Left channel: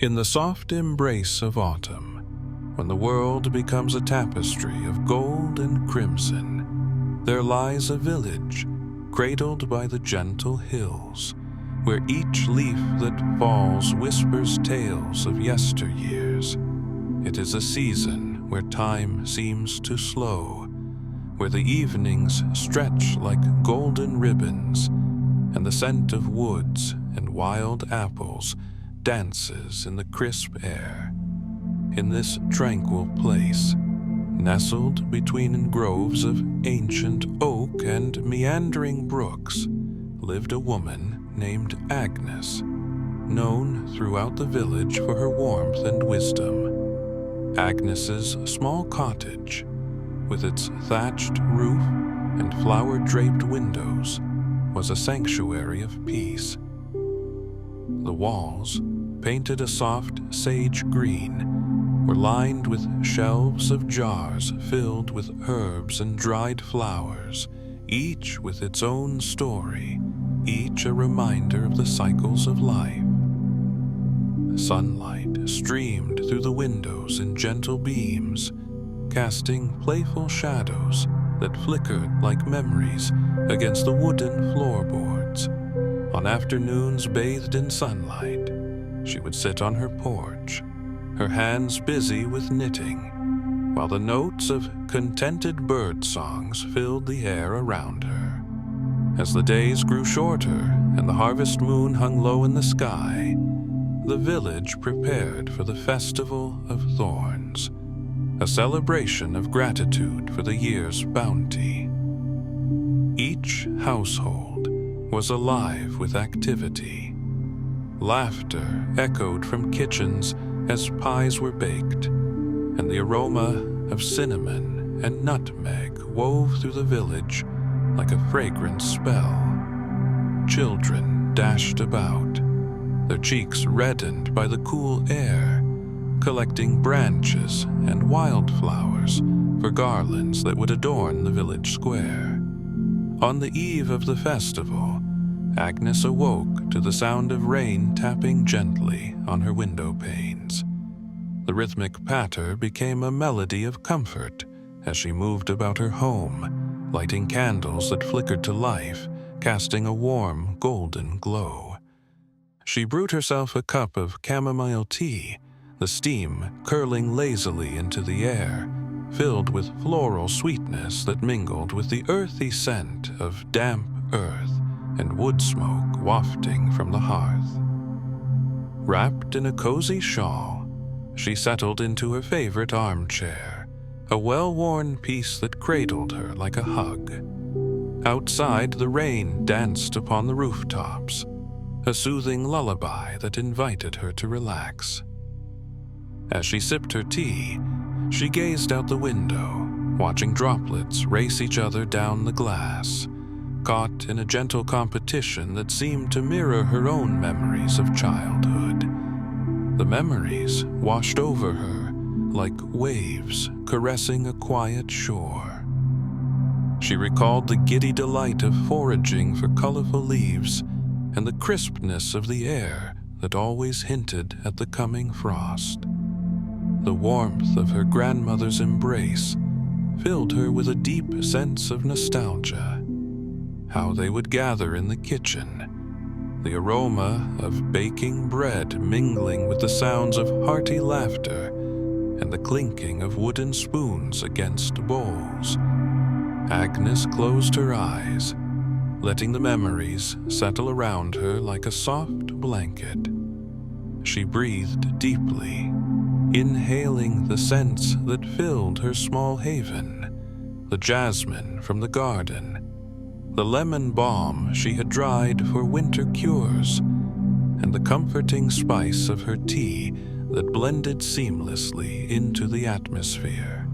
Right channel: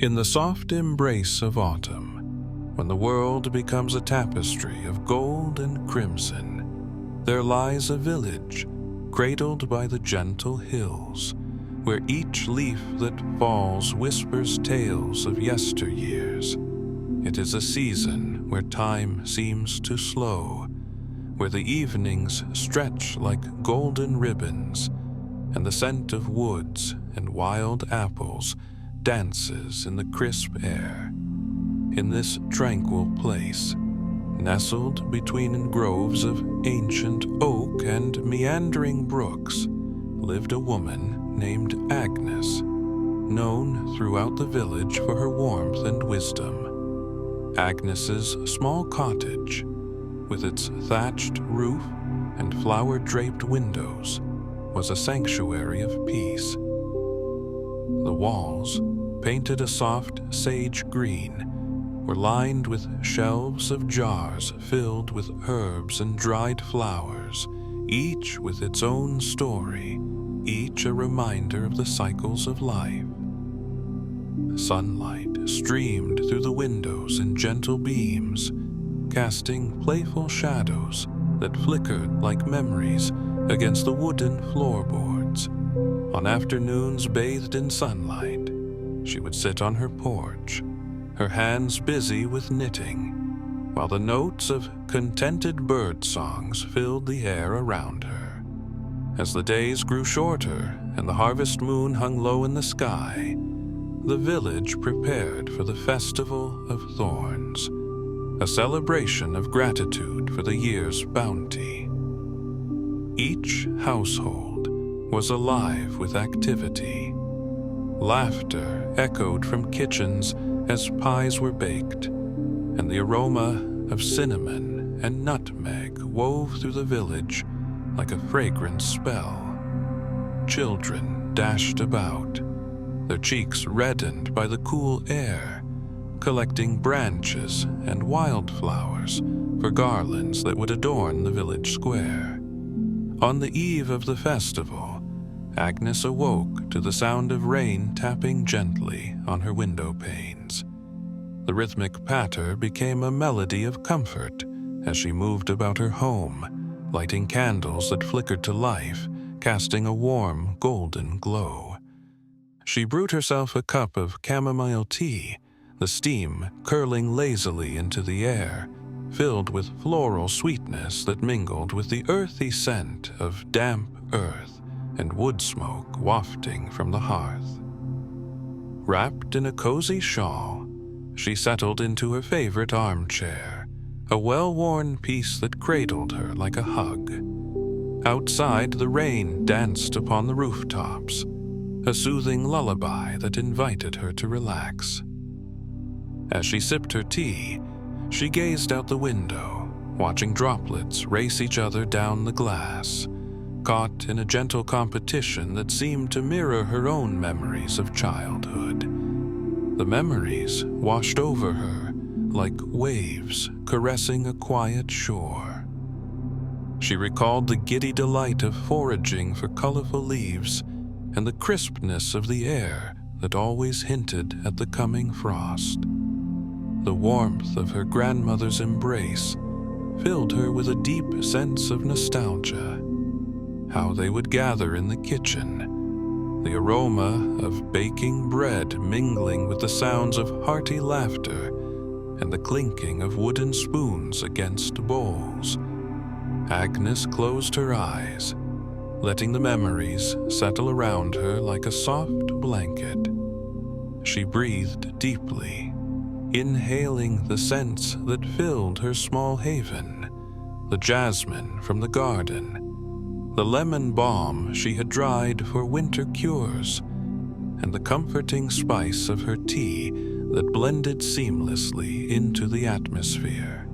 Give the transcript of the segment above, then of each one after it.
In the soft embrace of autumn, when the world becomes a tapestry of gold and crimson, there lies a village cradled by the gentle hills, where each leaf that falls whispers tales of yesteryears. It is a season where time seems to slow, where the evenings stretch like golden ribbons, and the scent of woods and wild apples dances in the crisp air. In this tranquil place, nestled between groves of ancient oak and meandering brooks, lived a woman named Agnes, known throughout the village for her warmth and wisdom. Agnes's small cottage, with its thatched roof and flower-draped windows, was a sanctuary of peace. The walls, painted a soft sage green, were lined with shelves of jars filled with herbs and dried flowers, each with its own story, each a reminder of the cycles of life. Sunlight streamed through the windows in gentle beams, casting playful shadows that flickered like memories against the wooden floorboards. On afternoons bathed in sunlight, she would sit on her porch, her hands busy with knitting, while the notes of contented bird songs filled the air around her. As the days grew shorter and the harvest moon hung low in the sky, the village prepared for the Festival of Thorns, a celebration of gratitude for the year's bounty. Each household was alive with activity. Laughter echoed from kitchens as pies were baked, and the aroma of cinnamon and nutmeg wove through the village like a fragrant spell. Children dashed about, their cheeks reddened by the cool air, collecting branches and wildflowers for garlands that would adorn the village square. On the eve of the festival, Agnes awoke to the sound of rain tapping gently on her window panes. The rhythmic patter became a melody of comfort as she moved about her home, lighting candles that flickered to life, casting a warm, golden glow. She brewed herself a cup of chamomile tea, the steam curling lazily into the air, filled with floral sweetness that mingled with the earthy scent of damp earth and wood smoke wafting from the hearth. Wrapped in a cozy shawl, she settled into her favorite armchair, a well-worn piece that cradled her like a hug. Outside, the rain danced upon the rooftops, a soothing lullaby that invited her to relax. As she sipped her tea, she gazed out the window, watching droplets race each other down the glass, caught in a gentle competition that seemed to mirror her own memories of childhood. The memories washed over her like waves caressing a quiet shore. She recalled the giddy delight of foraging for colorful leaves and the crispness of the air that always hinted at the coming frost. The warmth of her grandmother's embrace filled her with a deep sense of nostalgia. How they would gather in the kitchen, the aroma of baking bread mingling with the sounds of hearty laughter and the clinking of wooden spoons against bowls. Agnes closed her eyes, letting the memories settle around her like a soft blanket. She breathed deeply, inhaling the scents that filled her small haven, the jasmine from the garden, the lemon balm she had dried for winter cures, and the comforting spice of her tea that blended seamlessly into the atmosphere.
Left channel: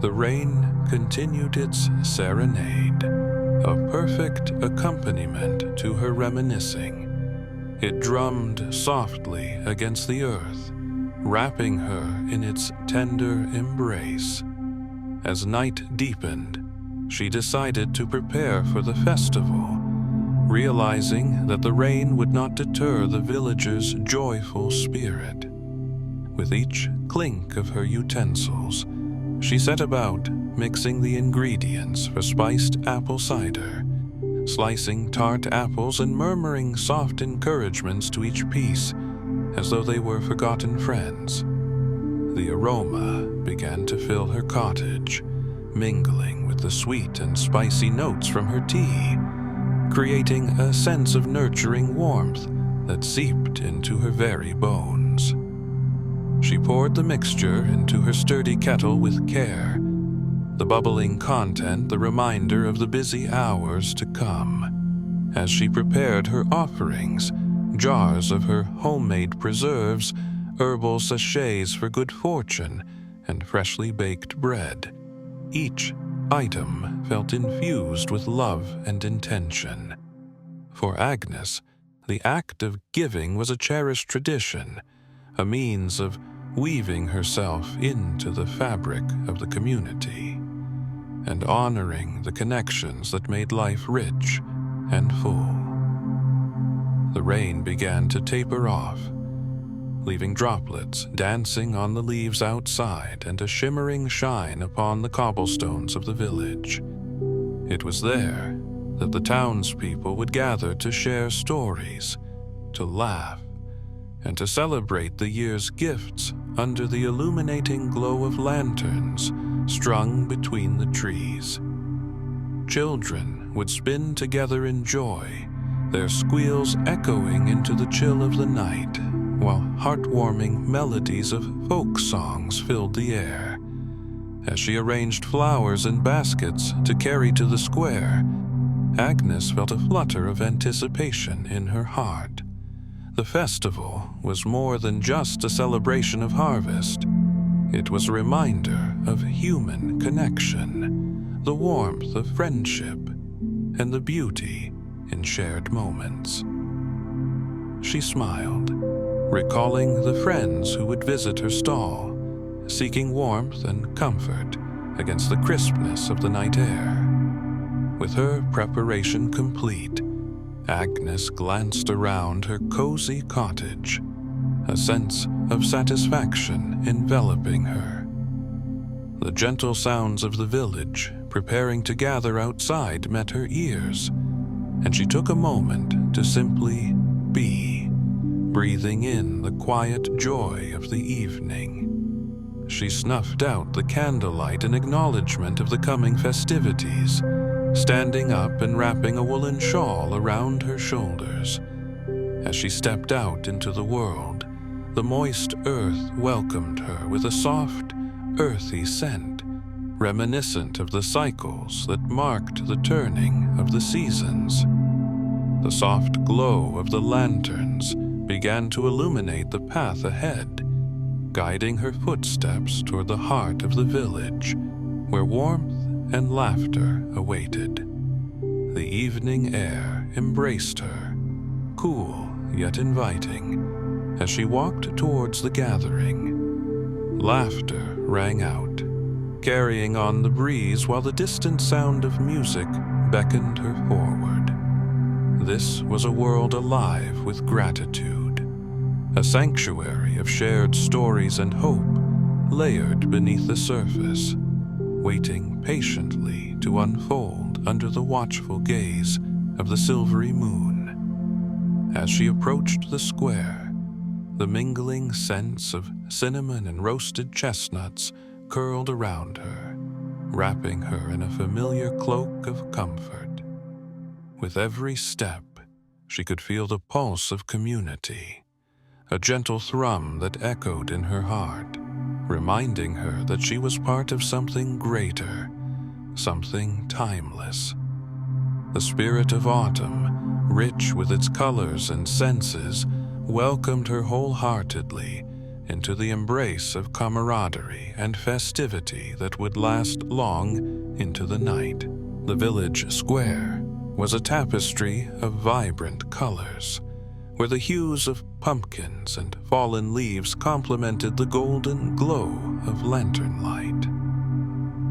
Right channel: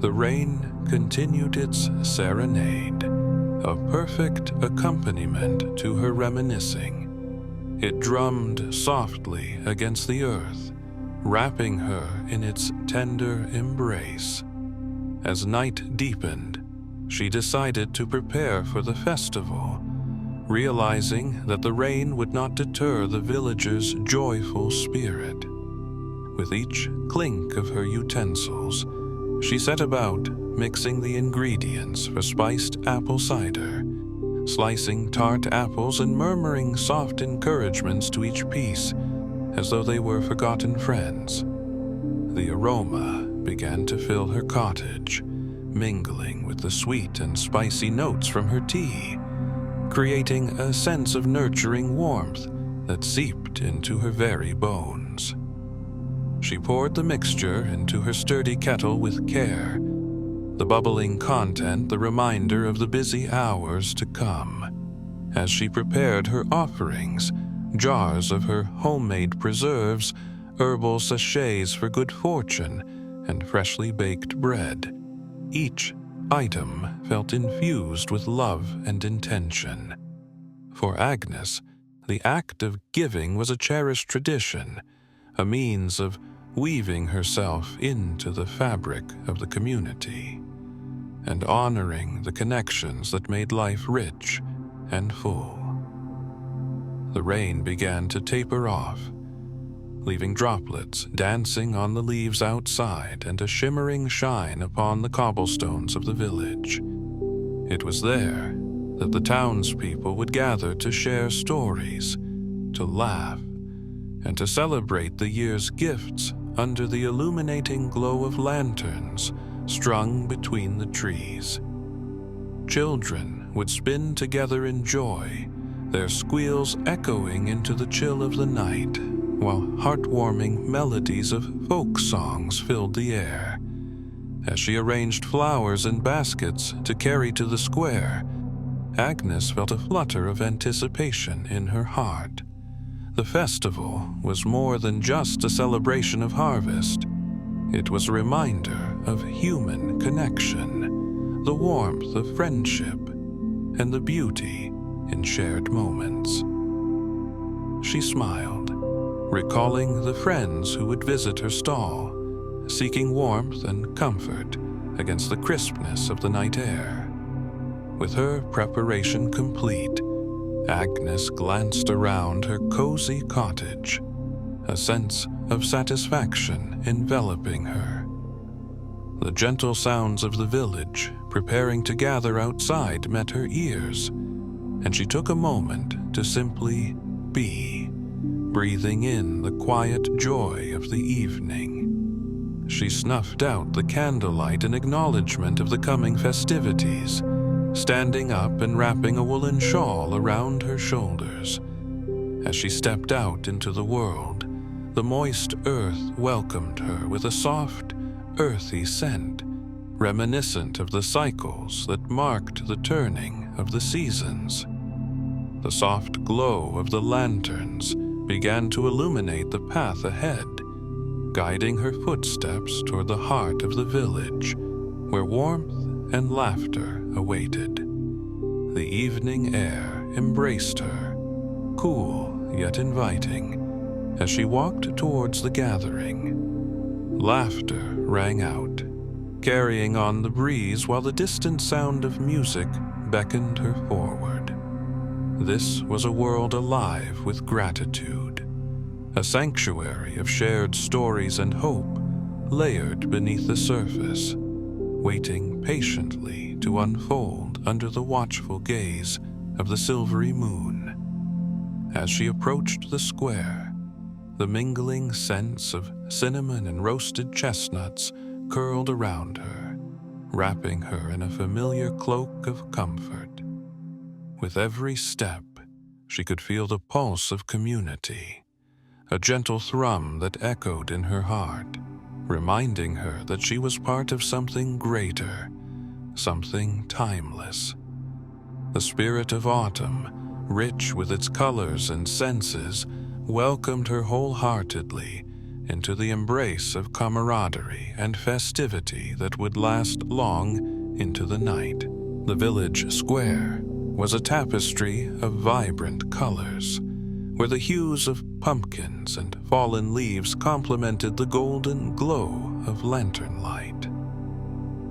The rain continued its serenade, a perfect accompaniment to her reminiscing. It drummed softly against the earth, wrapping her in its tender embrace. As night deepened, she decided to prepare for the festival, realizing that the rain would not deter the villagers' joyful spirit. With each clink of her utensils, she set about mixing the ingredients for spiced apple cider, slicing tart apples and murmuring soft encouragements to each piece as though they were forgotten friends. The aroma began to fill her cottage, mingling with the sweet and spicy notes from her tea, creating a sense of nurturing warmth that seeped into her very bones. She poured the mixture into her sturdy kettle with care, the bubbling content the reminder of the busy hours to come. As she prepared her offerings, jars of her homemade preserves, herbal sachets for good fortune, and freshly baked bread, each item felt infused with love and intention. For Agnes, the act of giving was a cherished tradition, a means of weaving herself into the fabric of the community, and honoring the connections that made life rich and full. The rain began to taper off, leaving droplets dancing on the leaves outside and a shimmering shine upon the cobblestones of the village. It was there that the townspeople would gather to share stories, to laugh, and to celebrate the year's gifts under the illuminating glow of lanterns strung between the trees. Children would spin together in joy, their squeals echoing into the chill of the night, while heartwarming melodies of folk songs filled the air. As she arranged flowers in baskets to carry to the square, Agnes felt a flutter of anticipation in her heart. The festival was more than just a celebration of harvest. It was a reminder of human connection, the warmth of friendship, and the beauty in shared moments. She smiled, recalling the friends who would visit her stall, seeking warmth and comfort against the crispness of the night air. With her preparation complete, Agnes glanced around her cozy cottage, a sense of satisfaction enveloping her. The gentle sounds of the village preparing to gather outside met her ears, and she took a moment to simply be, breathing in the quiet joy of the evening. She snuffed out the candlelight in acknowledgement of the coming festivities, standing up and wrapping a woolen shawl around her shoulders. As she stepped out into the world, the moist earth welcomed her with a soft, earthy scent, reminiscent of the cycles that marked the turning of the seasons. The soft glow of the lanterns began to illuminate the path ahead, guiding her footsteps toward the heart of the village, where warmth and laughter awaited. The evening air embraced her, cool yet inviting, as she walked towards the gathering. Laughter rang out, carrying on the breeze while the distant sound of music beckoned her forward. This was a world alive with gratitude, a sanctuary of shared stories and hope layered beneath the surface, waiting patiently to unfold under the watchful gaze of the silvery moon. As she approached the square, the mingling scents of cinnamon and roasted chestnuts curled around her, wrapping her in a familiar cloak of comfort. With every step, she could feel the pulse of community, a gentle thrum that echoed in her heart, reminding her that she was part of something greater, something timeless. The spirit of autumn, rich with its colors and senses, welcomed her wholeheartedly into the embrace of camaraderie and festivity that would last long into the night. The village square was a tapestry of vibrant colors, where the hues of pumpkins and fallen leaves complemented the golden glow of lantern light.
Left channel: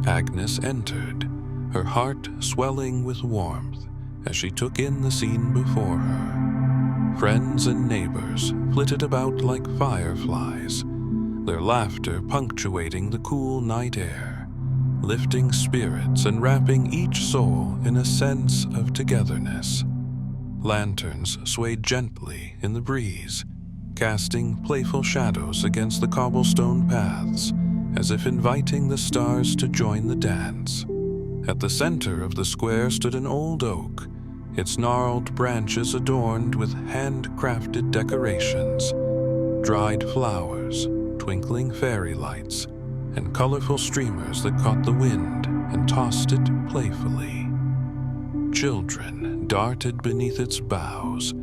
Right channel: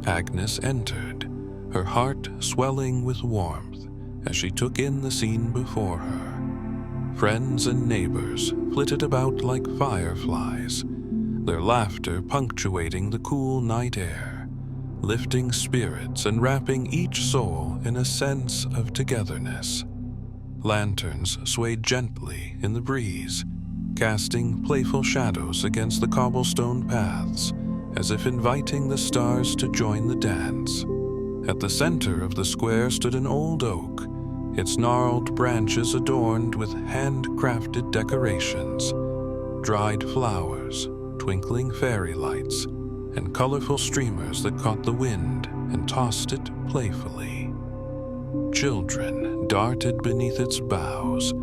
Agnes entered, her heart swelling with warmth as she took in the scene before her. Friends and neighbors flitted about like fireflies, their laughter punctuating the cool night air, lifting spirits and wrapping each soul in a sense of togetherness. Lanterns swayed gently in the breeze, casting playful shadows against the cobblestone paths, as if inviting the stars to join the dance. At the center of the square stood an old oak, its gnarled branches adorned with handcrafted decorations, dried flowers, twinkling fairy lights, and colorful streamers that caught the wind and tossed it playfully. Children darted beneath its boughs,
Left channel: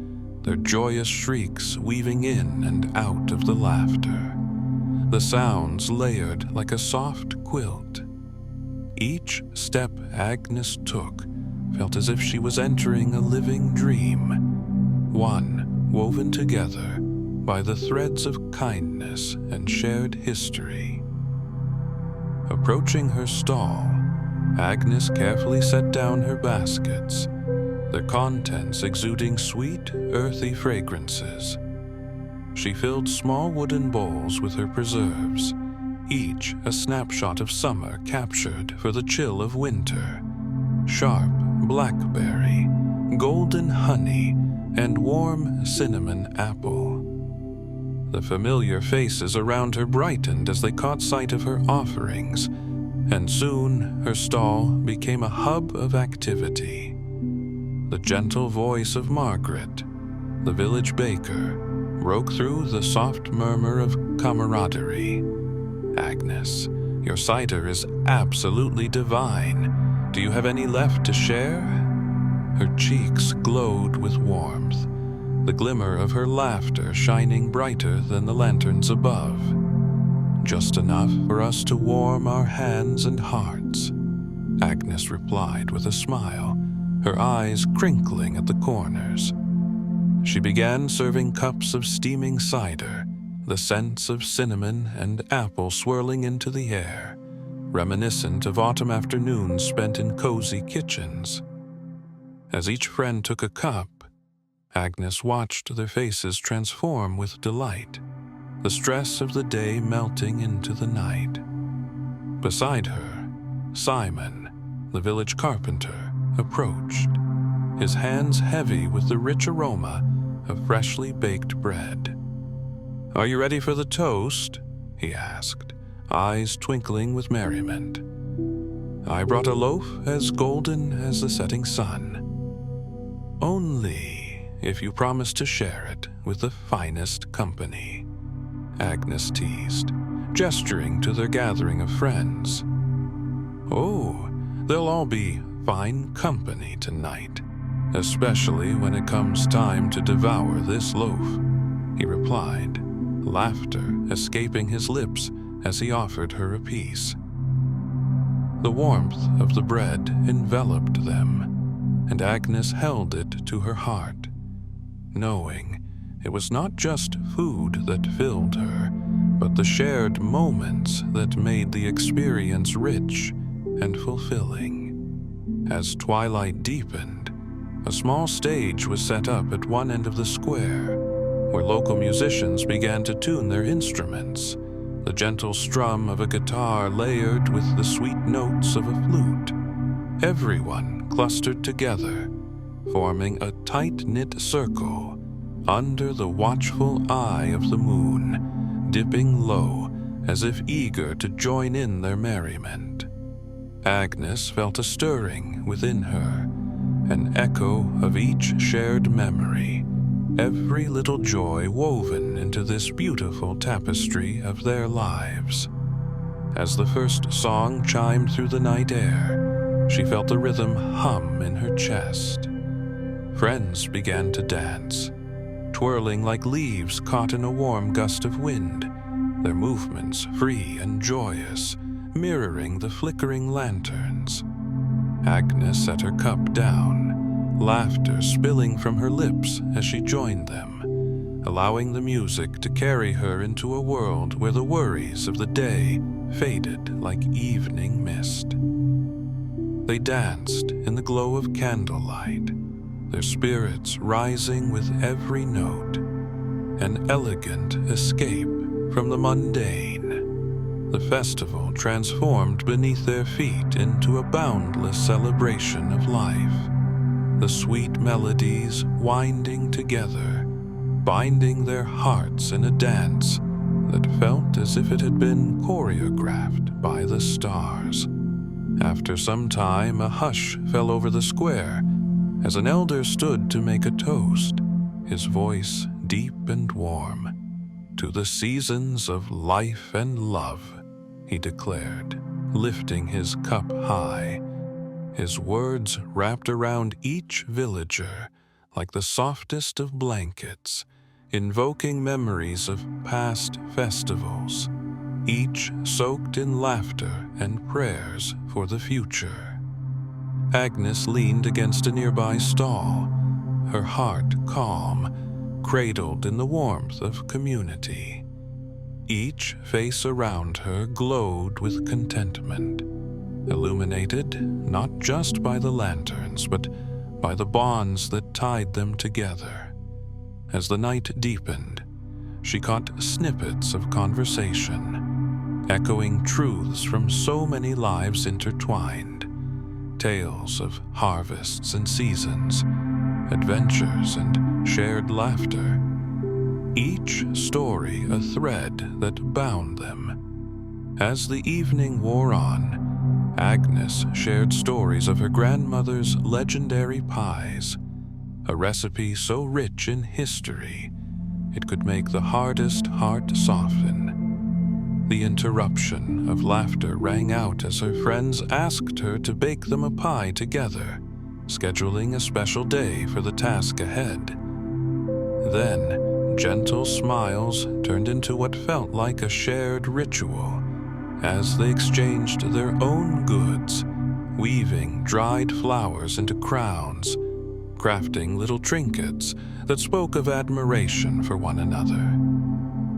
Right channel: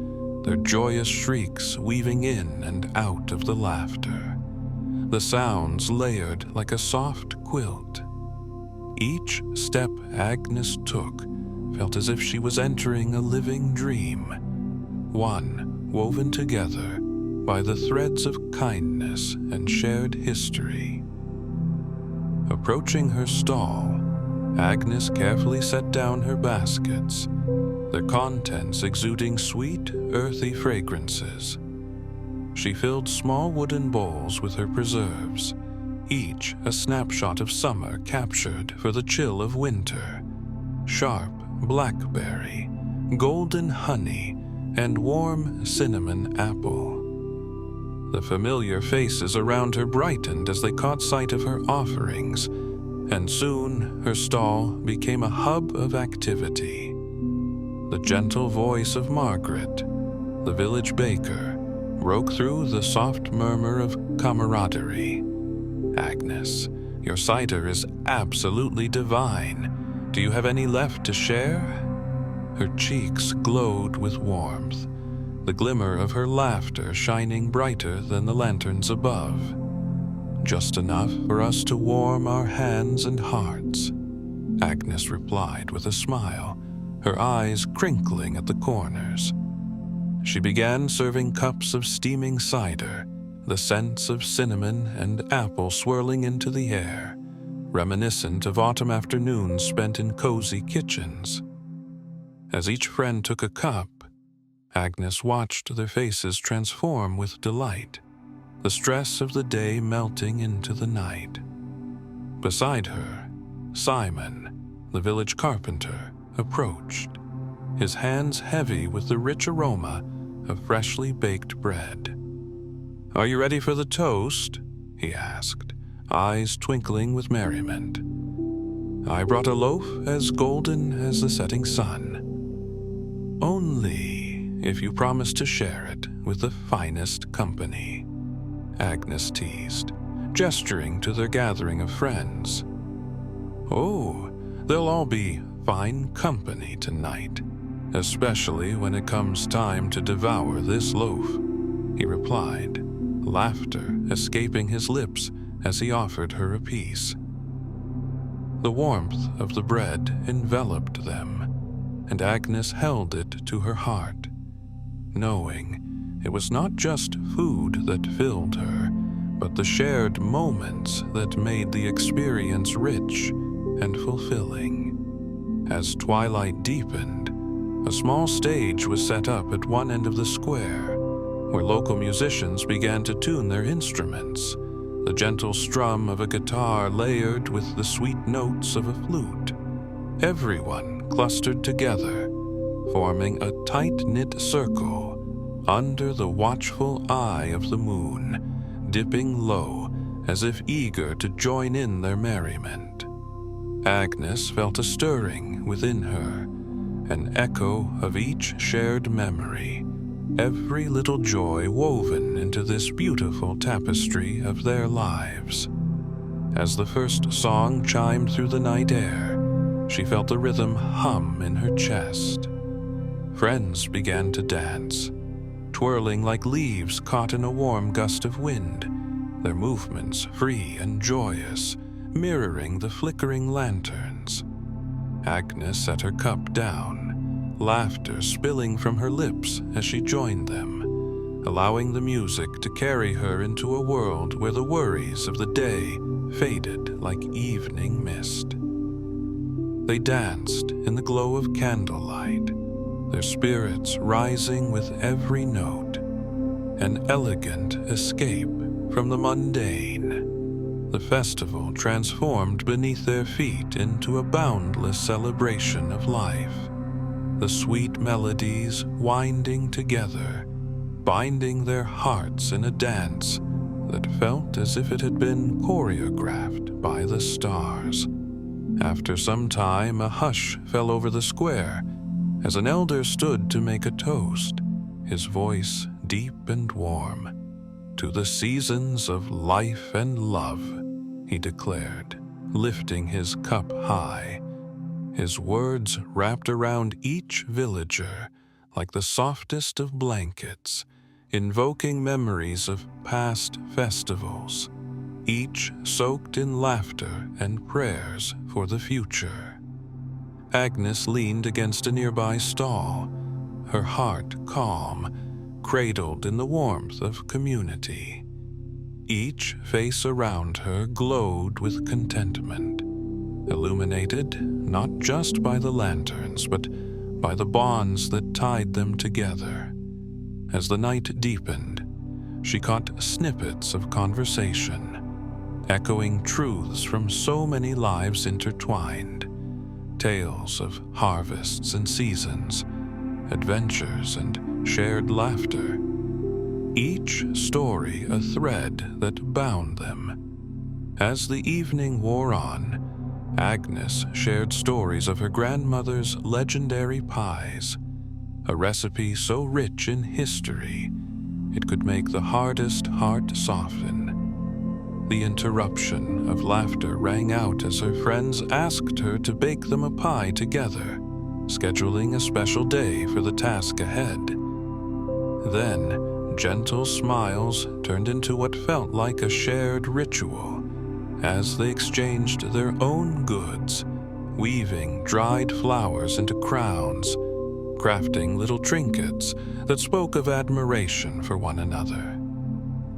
their joyous shrieks weaving in and out of the laughter. The sounds layered like a soft quilt. Each step Agnes took felt as if she was entering a living dream, one woven together by the threads of kindness and shared history. Approaching her stall, Agnes carefully set down her baskets, their contents exuding sweet, earthy fragrances. She filled small wooden bowls with her preserves, each a snapshot of summer captured for the chill of winter. Sharp blackberry, golden honey, and warm cinnamon apple. The familiar faces around her brightened as they caught sight of her offerings, and soon her stall became a hub of activity. The gentle voice of Margaret, the village baker, broke through the soft murmur of camaraderie. "Agnes, your cider is absolutely divine. Do you have any left to share?" Her cheeks glowed with warmth, the glimmer of her laughter shining brighter than the lanterns above. "Just enough for us to warm our hands and hearts," Agnes replied with a smile, her eyes crinkling at the corners. She began serving cups of steaming cider, the scents of cinnamon and apple swirling into the air, reminiscent of autumn afternoons spent in cozy kitchens. As each friend took a cup, Agnes watched their faces transform with delight, the stress of the day melting into the night. Beside her, Simon, the village carpenter, approached, his hands heavy with the rich aroma of freshly baked bread. "Are you ready for the toast?" he asked, eyes twinkling with merriment. "I brought a loaf as golden as the setting sun. Only if you promise to share it with the finest company," Agnes teased, gesturing to their gathering of friends. "Oh, they'll all be fine company tonight, especially when it comes time to devour this loaf," he replied, laughter escaping his lips as he offered her a piece. The warmth of the bread enveloped them, and Agnes held it to her heart, knowing it was not just food that filled her, but the shared moments that made the experience rich and fulfilling. As twilight deepened, a small stage was set up at one end of the square, where local musicians began to tune their instruments, the gentle strum of a guitar layered with the sweet notes of a flute. Everyone clustered together, forming a tight-knit circle under the watchful eye of the moon, dipping low as if eager to join in their merriment. Agnes felt a stirring within her, an echo of each shared memory, every little joy woven into this beautiful tapestry of their lives. As the first song chimed through the night air, she felt the rhythm hum in her chest. Friends began to dance, twirling like leaves caught in a warm gust of wind, their movements free and joyous, mirroring the flickering lanterns. Agnes set her cup down, laughter spilling from her lips as she joined them, allowing the music to carry her into a world where the worries of the day faded like evening mist. They danced in the glow of candlelight, their spirits rising with every note, an elegant escape from the mundane. The festival transformed beneath their feet into a boundless celebration of life, the sweet melodies winding together, binding their hearts in a dance that felt as if it had been choreographed by the stars. After some time, a hush fell over the square as an elder stood to make a toast, his voice deep and warm. "To the seasons of life and love," he declared, lifting his cup high. His words wrapped around each villager like the softest of blankets, invoking memories of past festivals, each soaked in laughter and prayers for the future. Agnes leaned against a nearby stall, her heart calm, cradled in the warmth of community. Each face around her glowed with contentment, illuminated not just by the lanterns, but by the bonds that tied them together. As the night deepened, she caught snippets of conversation, echoing truths from so many lives intertwined, tales of harvests and seasons, adventures and shared laughter, each story a thread that bound them. As the evening wore on, Agnes shared stories of her grandmother's legendary pies, a recipe so rich in history it could make the hardest heart soften. The interruption of laughter rang out as her friends asked her to bake them a pie together, scheduling a special day for the task ahead. Then, gentle smiles turned into what felt like a shared ritual as they exchanged their own goods, weaving dried flowers into crowns, crafting little trinkets that spoke of admiration for one another.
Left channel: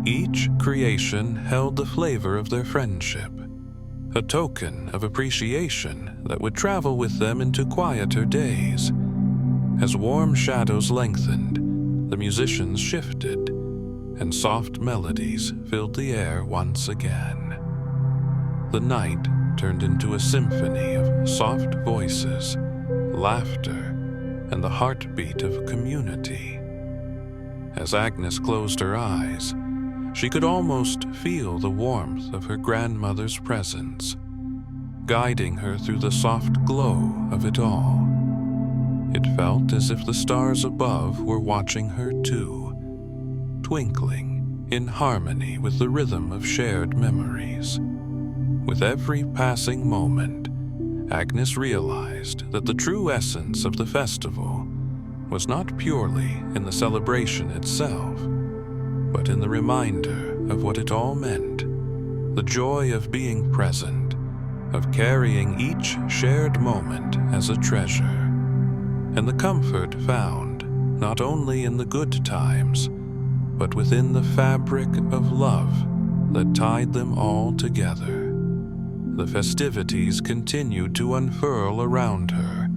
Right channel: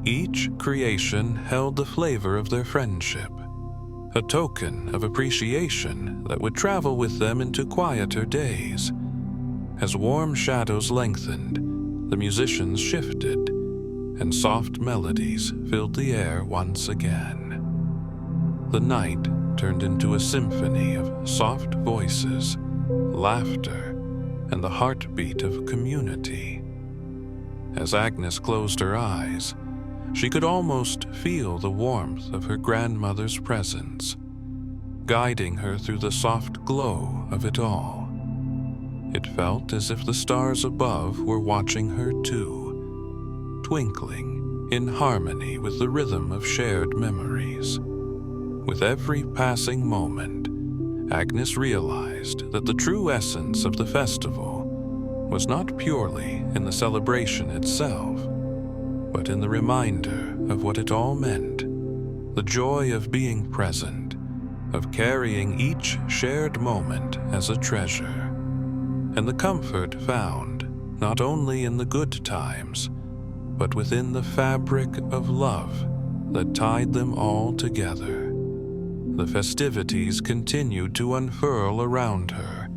Each creation held the flavor of their friendship, a token of appreciation that would travel with them into quieter days. As warm shadows lengthened, the musicians shifted, and soft melodies filled the air once again. The night turned into a symphony of soft voices, laughter, and the heartbeat of community. As Agnes closed her eyes, she could almost feel the warmth of her grandmother's presence, guiding her through the soft glow of it all. It felt as if the stars above were watching her too, twinkling in harmony with the rhythm of shared memories. With every passing moment, Agnes realized that the true essence of the festival was not purely in the celebration itself, but in the reminder of what it all meant, the joy of being present, of carrying each shared moment as a treasure, and the comfort found not only in the good times, but within the fabric of love that tied them all together. The festivities continued to unfurl around her,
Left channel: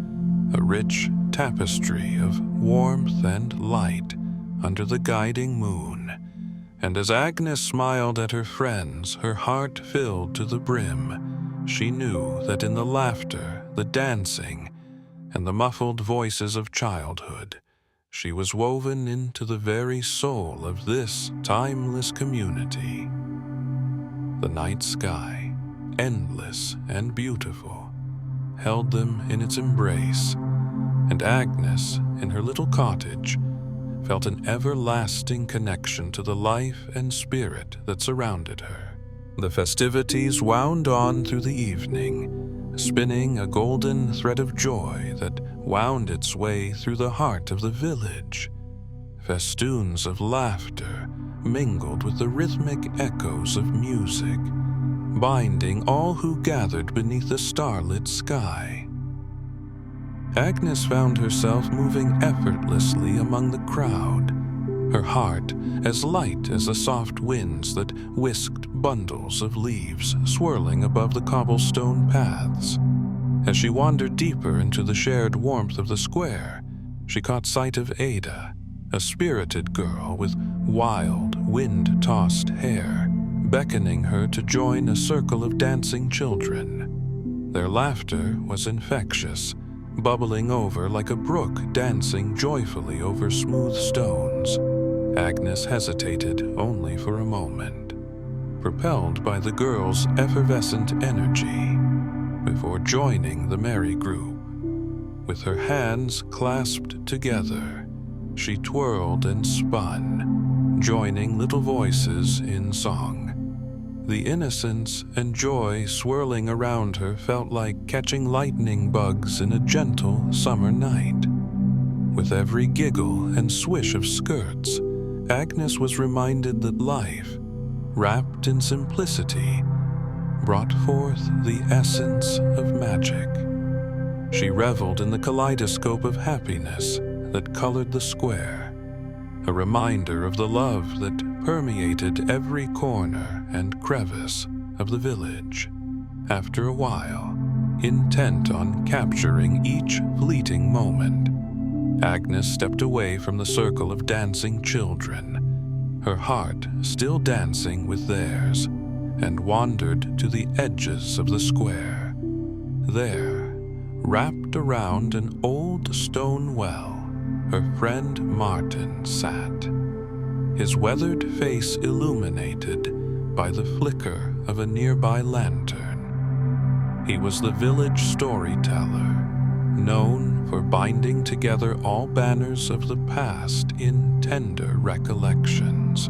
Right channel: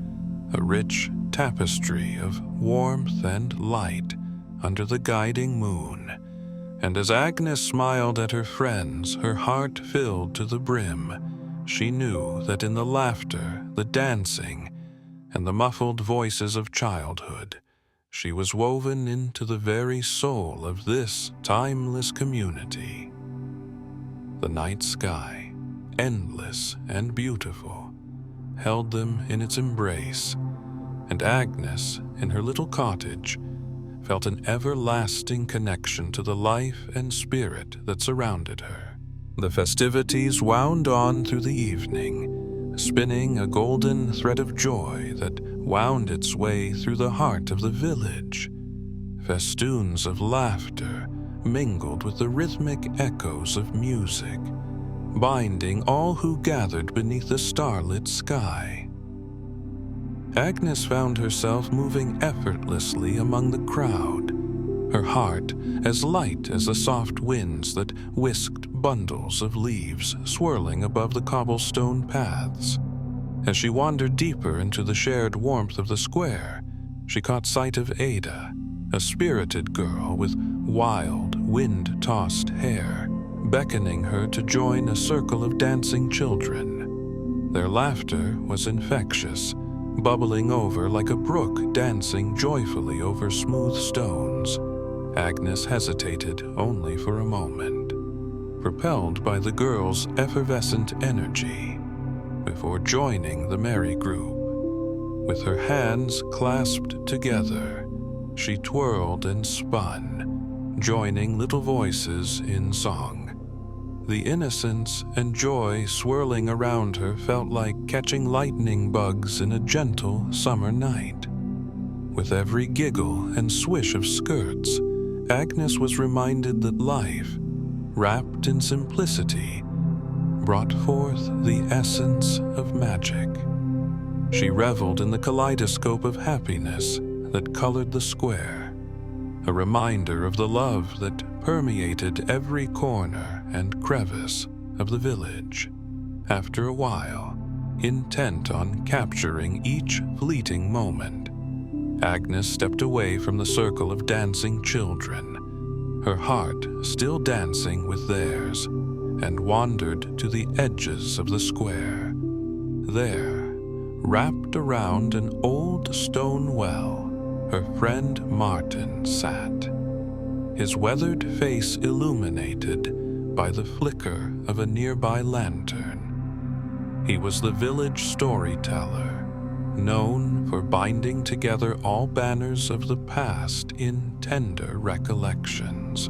a rich tapestry of warmth and light under the guiding moon. And as Agnes smiled at her friends, her heart filled to the brim. She knew that in the laughter, the dancing, and the muffled voices of childhood, she was woven into the very soul of this timeless community. The night sky, endless and beautiful, held them in its embrace, and Agnes, in her little cottage, felt an everlasting connection to the life and spirit that surrounded her. The festivities wound on through the evening, spinning a golden thread of joy that wound its way through the heart of the village. Festoons of laughter mingled with the rhythmic echoes of music, binding all who gathered beneath the starlit sky. Agnes found herself moving effortlessly among the crowd, her heart as light as the soft winds that whisked bundles of leaves swirling above the cobblestone paths. As she wandered deeper into the shared warmth of the square, she caught sight of Ada, a spirited girl with wild, wind-tossed hair, beckoning her to join a circle of dancing children. Their laughter was infectious, bubbling over like a brook dancing joyfully over smooth stones. Agnes hesitated only for a moment, propelled by the girl's effervescent energy, before joining the merry group. With her hands clasped together, she twirled and spun, joining little voices in song. The innocence and joy swirling around her felt like catching lightning bugs in a gentle summer night. With every giggle and swish of skirts, Agnes was reminded that life, wrapped in simplicity, brought forth the essence of magic. She reveled in the kaleidoscope of happiness that colored the square, a reminder of the love that permeated every corner and crevice of the village. After a while, intent on capturing each fleeting moment, Agnes stepped away from the circle of dancing children, her heart still dancing with theirs, and wandered to the edges of the square. There, wrapped around an old stone well, her friend Martin sat, his weathered face illuminated by the flicker of a nearby lantern. He was the village storyteller, known for binding together all banners of the past in tender recollections.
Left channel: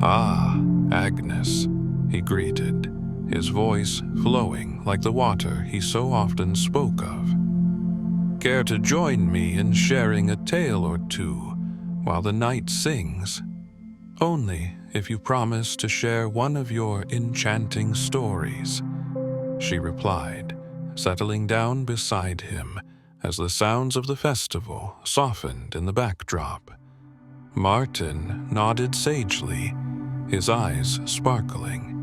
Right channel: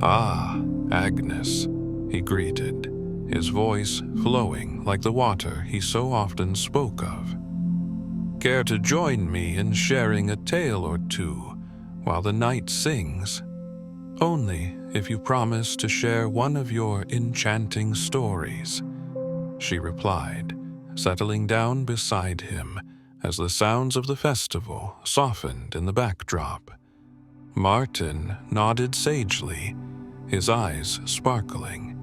"Ah, Agnes," he greeted, his voice flowing like the water he so often spoke of. "Care to join me in sharing a tale or two while the night sings? Only if you promise to share one of your enchanting stories," she replied, settling down beside him as the sounds of the festival softened in the backdrop. Martin nodded sagely, his eyes sparkling.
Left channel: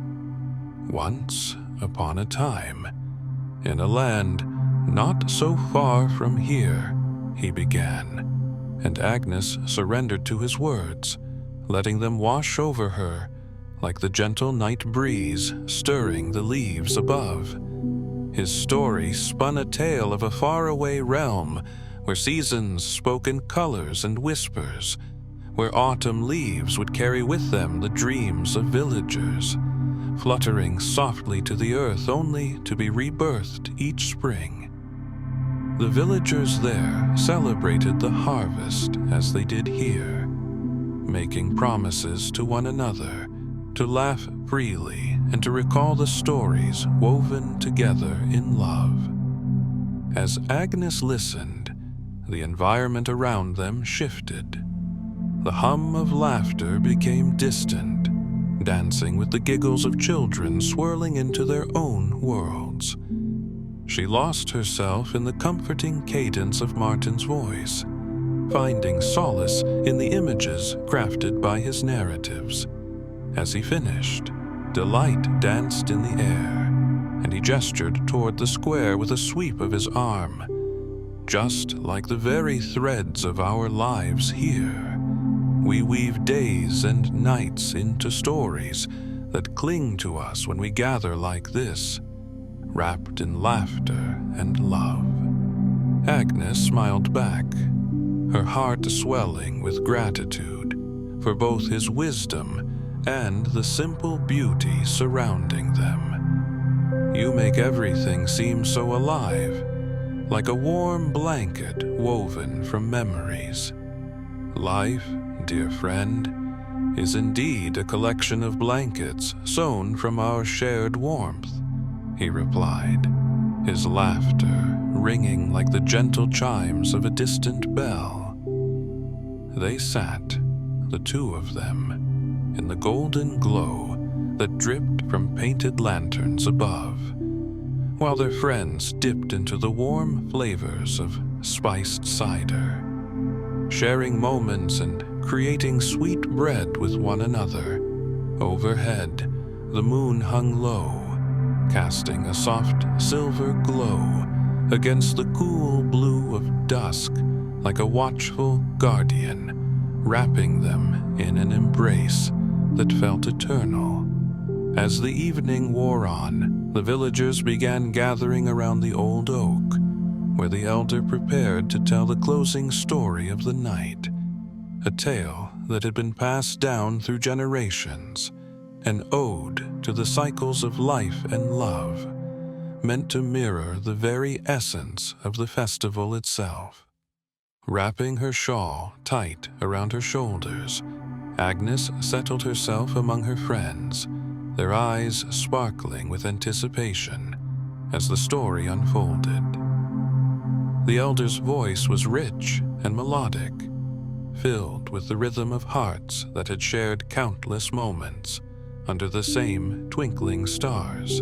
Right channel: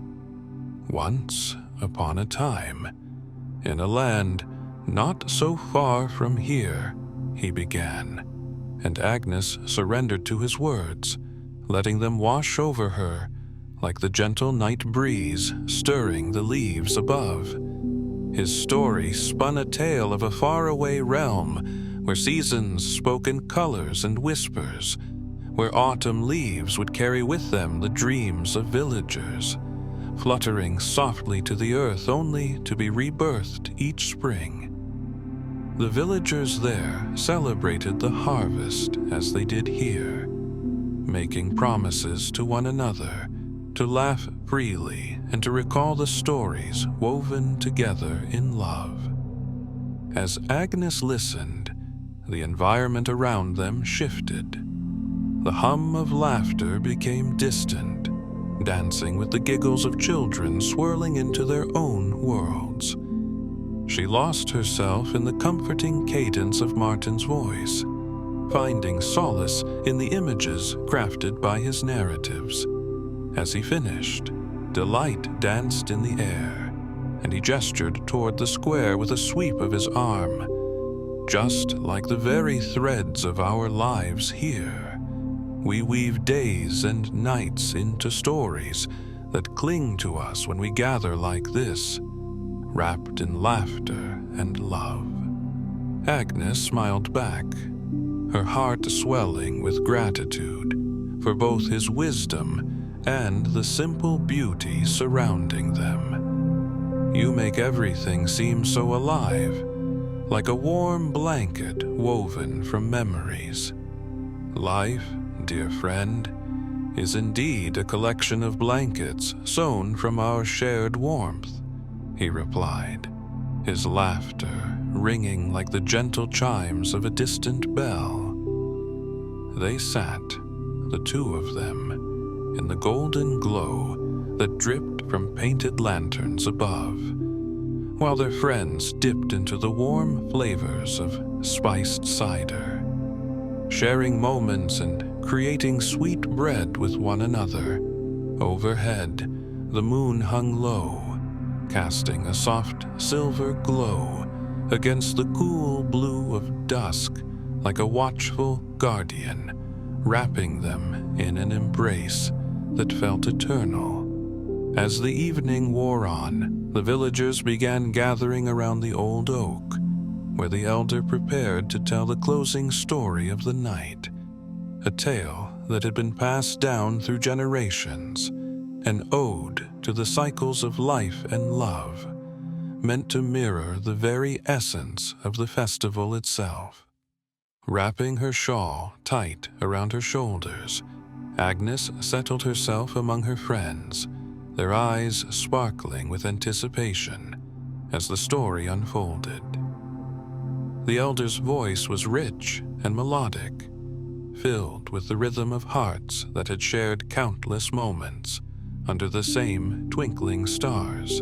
"Once upon a time, in a land not so far from here," he began, and Agnes surrendered to his words, letting them wash over her like the gentle night breeze stirring the leaves above. His story spun a tale of a faraway realm where seasons spoke in colors and whispers, where autumn leaves would carry with them the dreams of villagers, fluttering softly to the earth only to be rebirthed each spring. The villagers there celebrated the harvest as they did here, making promises to one another to laugh freely and to recall the stories woven together in love. As Agnes listened, the environment around them shifted. The hum of laughter became distant, dancing with the giggles of children swirling into their own worlds. She lost herself in the comforting cadence of Martin's voice, finding solace in the images crafted by his narratives. As he finished, delight danced in the air, and he gestured toward the square with a sweep of his arm. "Just like the very threads of our lives here, we weave days and nights into stories that cling to us when we gather like this, wrapped in laughter and love." Agnes smiled back, her heart swelling with gratitude for both his wisdom and the simple beauty surrounding them. "You make everything seem so alive, like a warm blanket woven from memories. Life, dear friend, is indeed a collection of blankets sewn from our shared warmth," he replied, his laughter ringing like the gentle chimes of a distant bell. They sat, the two of them, in the golden glow that dripped from painted lanterns above, while their friends dipped into the warm flavors of spiced cider, sharing moments and creating sweet bread with one another. Overhead, the moon hung low, casting a soft silver glow against the cool blue of dusk like a watchful guardian, wrapping them in an embrace that felt eternal. As the evening wore on, the villagers began gathering around the old oak, where the elder prepared to tell the closing story of the night, a tale that had been passed down through generations, an ode to the cycles of life and love, meant to mirror the very essence of the festival itself. Wrapping her shawl tight around her shoulders, Agnes settled herself among her friends, their eyes sparkling with anticipation as the story unfolded. The elder's voice was rich and melodic, filled with the rhythm of hearts that had shared countless moments under the same twinkling stars.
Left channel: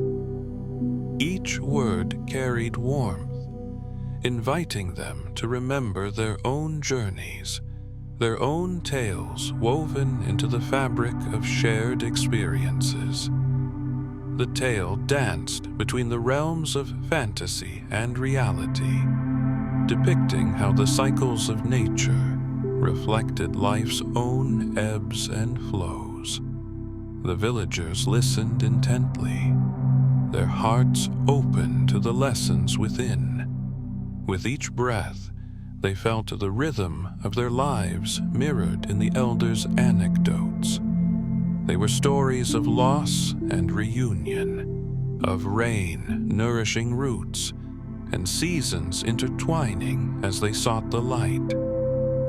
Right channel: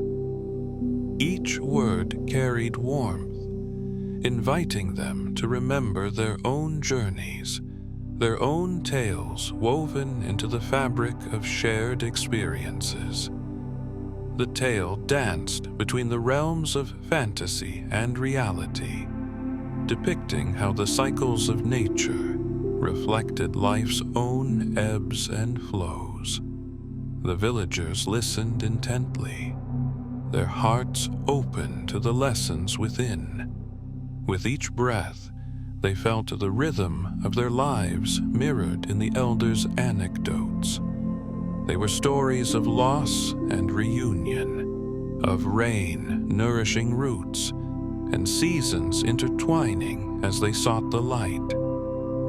Each word carried warmth, inviting them to remember their own journeys, their own tales woven into the fabric of shared experiences. The tale danced between the realms of fantasy and reality, depicting how the cycles of nature reflected life's own ebbs and flows. The villagers listened intently, their hearts open to the lessons within. With each breath, they felt the rhythm of their lives mirrored in the elder's anecdotes. They were stories of loss and reunion, of rain nourishing roots, and seasons intertwining as they sought the light.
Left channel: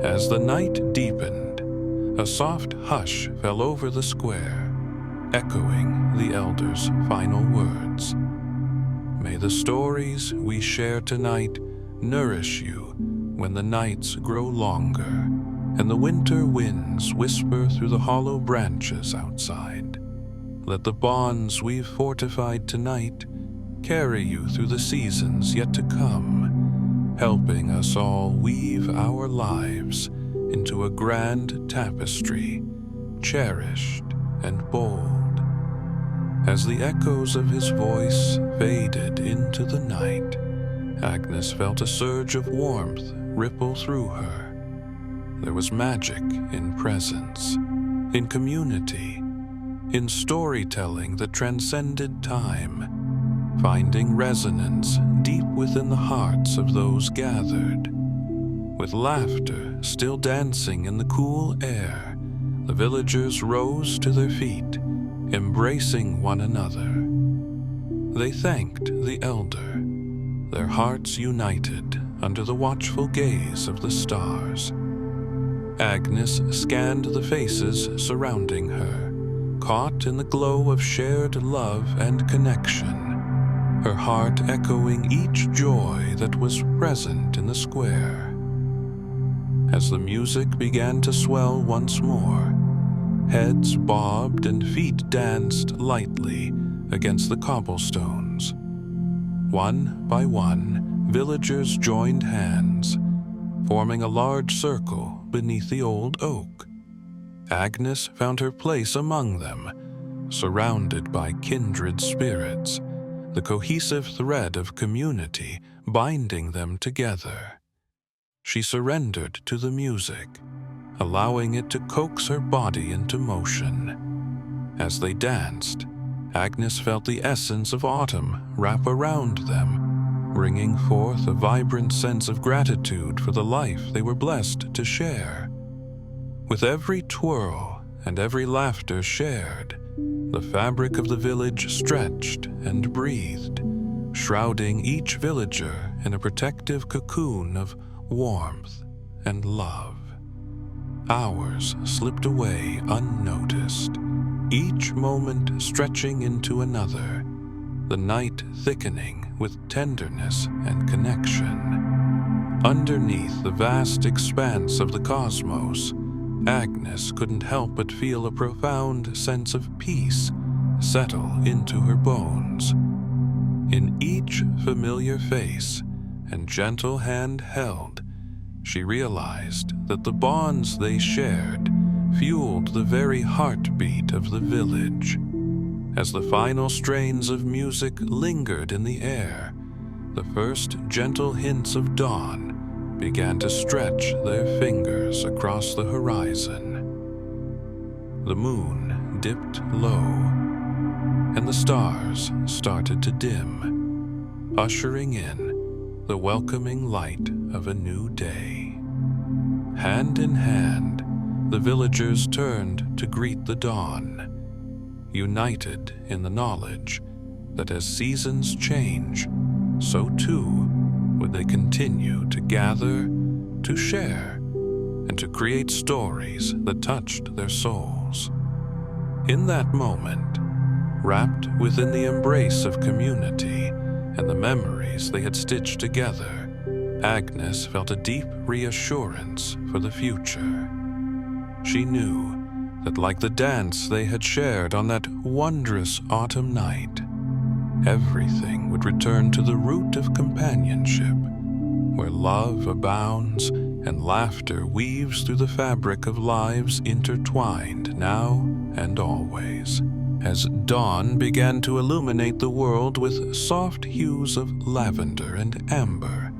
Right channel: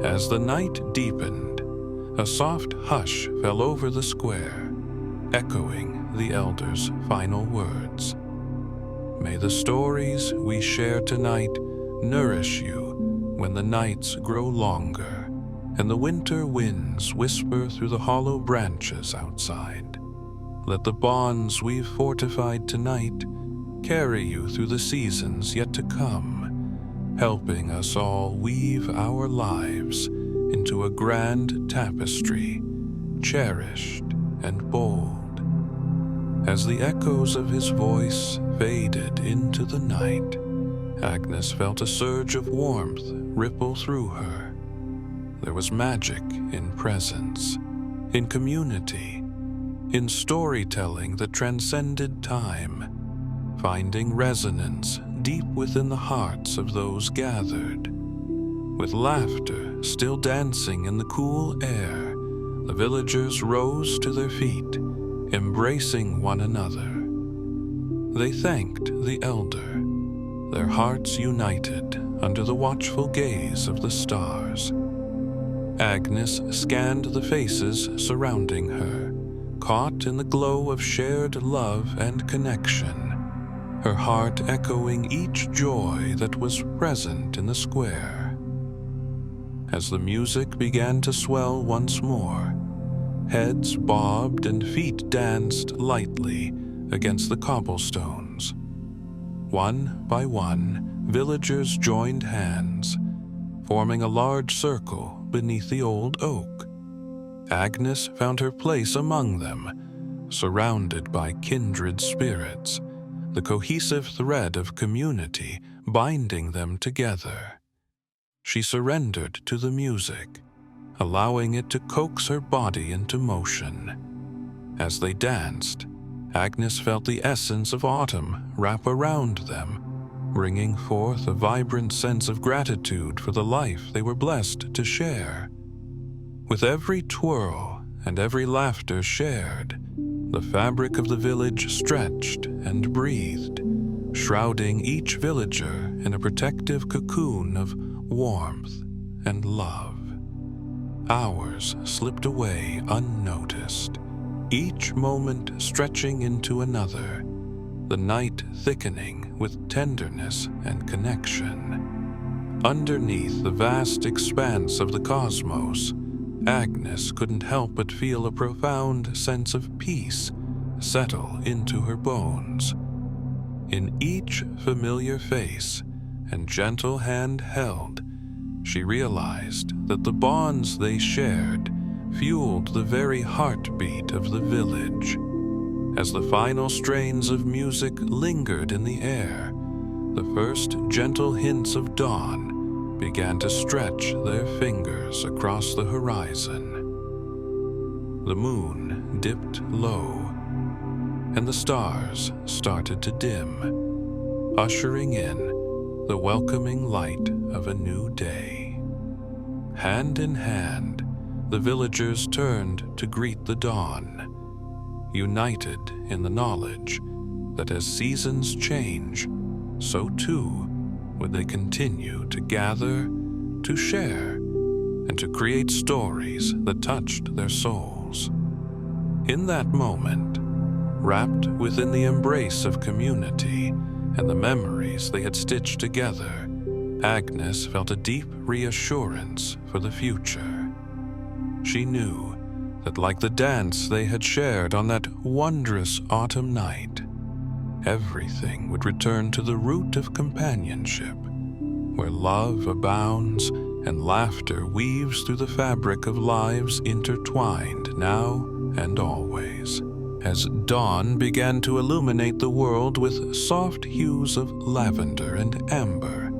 As the night deepened, a soft hush fell over the square, echoing the elder's final words. May the stories we share tonight nourish you when the nights grow longer and the winter winds whisper through the hollow branches outside. Let the bonds we've fortified tonight carry you through the seasons yet to come, helping us all weave our lives into a grand tapestry, cherished and bold. As the echoes of his voice faded into the night, Agnes felt a surge of warmth ripple through her. There was magic in presence, in community, in storytelling that transcended time, finding resonance deep within the hearts of those gathered. With laughter still dancing in the cool air, the villagers rose to their feet, embracing one another. They thanked the elder, their hearts united under the watchful gaze of the stars. Agnes scanned the faces surrounding her, caught in the glow of shared love and connection, her heart echoing each joy that was present in the square. As the music began to swell once more, heads bobbed and feet danced lightly against the cobblestones. One by one, villagers joined hands, forming a large circle beneath the old oak. Agnes found her place among them, surrounded by kindred spirits, the cohesive thread of community binding them together. She surrendered to the music, allowing it to coax her body into motion. As they danced, Agnes felt the essence of autumn wrap around them, bringing forth a vibrant sense of gratitude for the life they were blessed to share. With every twirl and every laughter shared, the fabric of the village stretched and breathed, shrouding each villager in a protective cocoon of warmth and love. Hours slipped away unnoticed, each moment stretching into another, the night thickening with tenderness and connection. Underneath the vast expanse of the cosmos, Agnes couldn't help but feel a profound sense of peace settle into her bones. In each familiar face and gentle hand held, she realized that the bonds they shared fueled the very heartbeat of the village. As the final strains of music lingered in the air, the first gentle hints of dawn began to stretch their fingers across the horizon. The moon dipped low, and the stars started to dim, ushering in the welcoming light of a new day. Hand in hand, the villagers turned to greet the dawn, united in the knowledge that as seasons change, so too would they continue to gather, to share, and to create stories that touched their souls. In that moment, wrapped within the embrace of community and the memories they had stitched together, Agnes felt a deep reassurance for the future. She knew that like the dance they had shared on that wondrous autumn night, everything would return to the root of companionship, where love abounds and laughter weaves through the fabric of lives intertwined now and always. As dawn began to illuminate the world with soft hues of lavender and amber,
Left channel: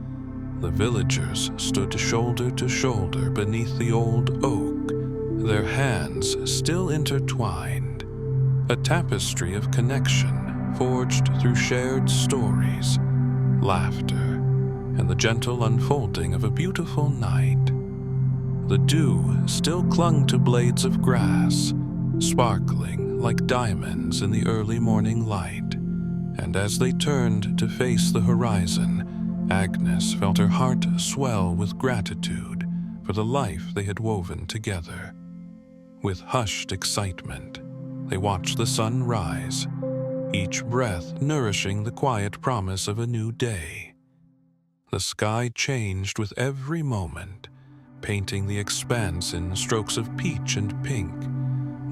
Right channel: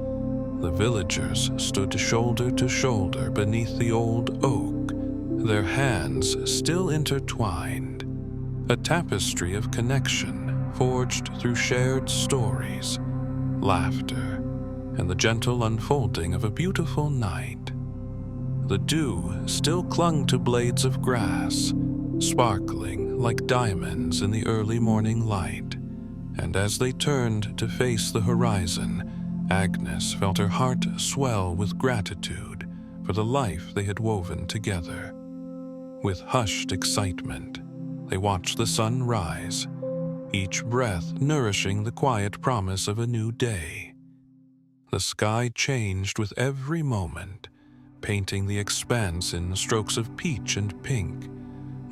the villagers stood shoulder to shoulder beneath the old oak, their hands still intertwined, a tapestry of connection forged through shared stories, laughter, and the gentle unfolding of a beautiful night. The dew still clung to blades of grass, sparkling like diamonds in the early morning light, and as they turned to face the horizon, Agnes felt her heart swell with gratitude for the life they had woven together. With hushed excitement, they watched the sun rise, each breath nourishing the quiet promise of a new day. The sky changed with every moment, painting the expanse in strokes of peach and pink,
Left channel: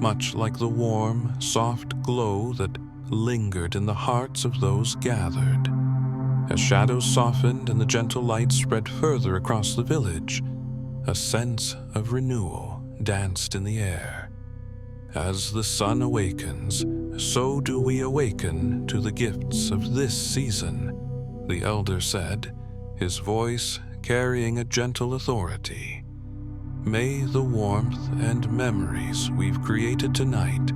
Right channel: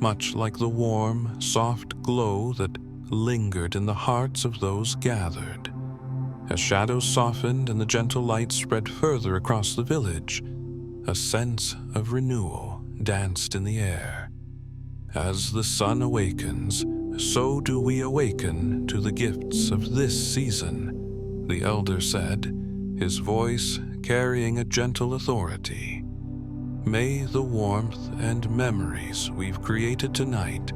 much like the warm, soft glow that lingered in the hearts of those gathered. As shadows softened and the gentle light spread further across the village, a sense of renewal danced in the air. As the sun awakens, so do we awaken to the gifts of this season, the elder said, his voice carrying a gentle authority. May the warmth and memories we've created tonight